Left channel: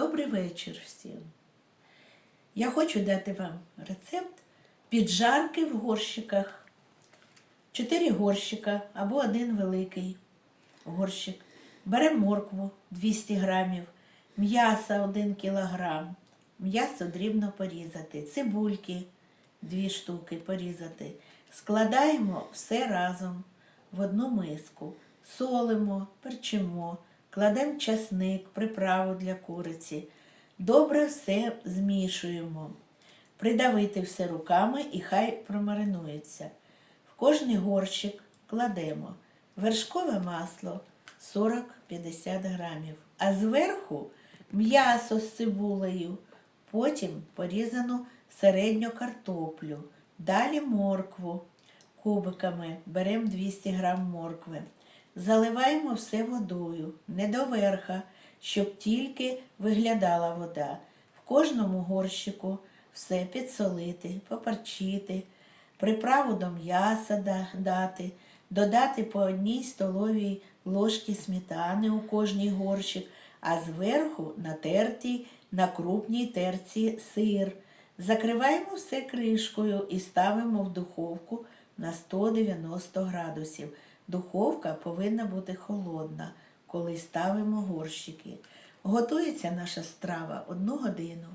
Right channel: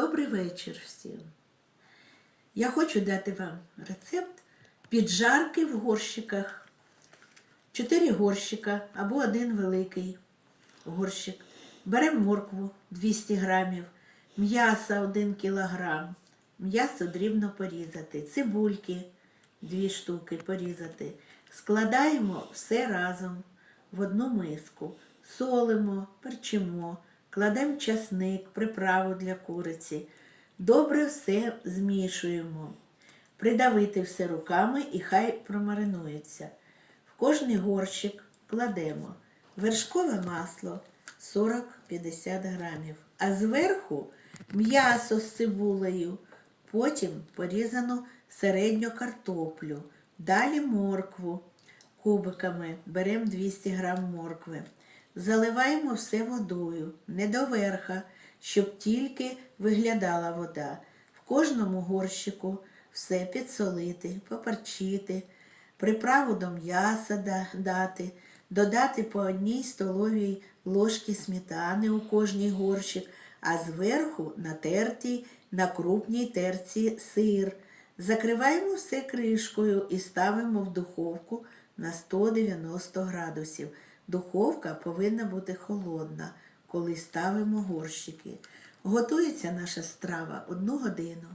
Добрий вечір всім. Я хочу дати вам рецепт піджарки в горщиках. Чотири горщика або один великий горщик. Беремо моркву 200 грамів, м'яса 1 кілограм, м'ясо дрібно порізати, цибульки 2 штуки порізати. Складаємо все разом в одну миску, солимо, перчимо, кладемо часник, приправу для куриці. Добре все змішуємо. Придавити все руками і хай промаринується. В кожний горщик кладемо вершкове масло 40-50 грамів, а зверху м'ясо з цибулею, потім порізану середню картоплю, далі моркву кубиками, беремо 200 грам моркви. Заливаємо все водою, не до верха, щоб тільки виглядала вода. В кожному горщику все підсолити, поперчити, приправу до м'яса дати, додати по одній столовій ложці сметани у кожній горщик, а зверху натертій на крупній терці сир. Закриваємо все кришкою і ставимо в духовку на 190 градусів. Духовка повинна бути холодна, коли ставимо горщики. Готується наша страва одну годину.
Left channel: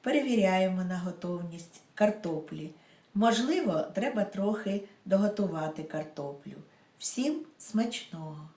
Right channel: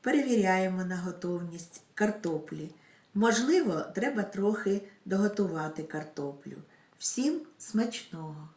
Перевіряємо на готовність картоплі. Можливо, треба трохи доготувати картоплю. Всім смачного!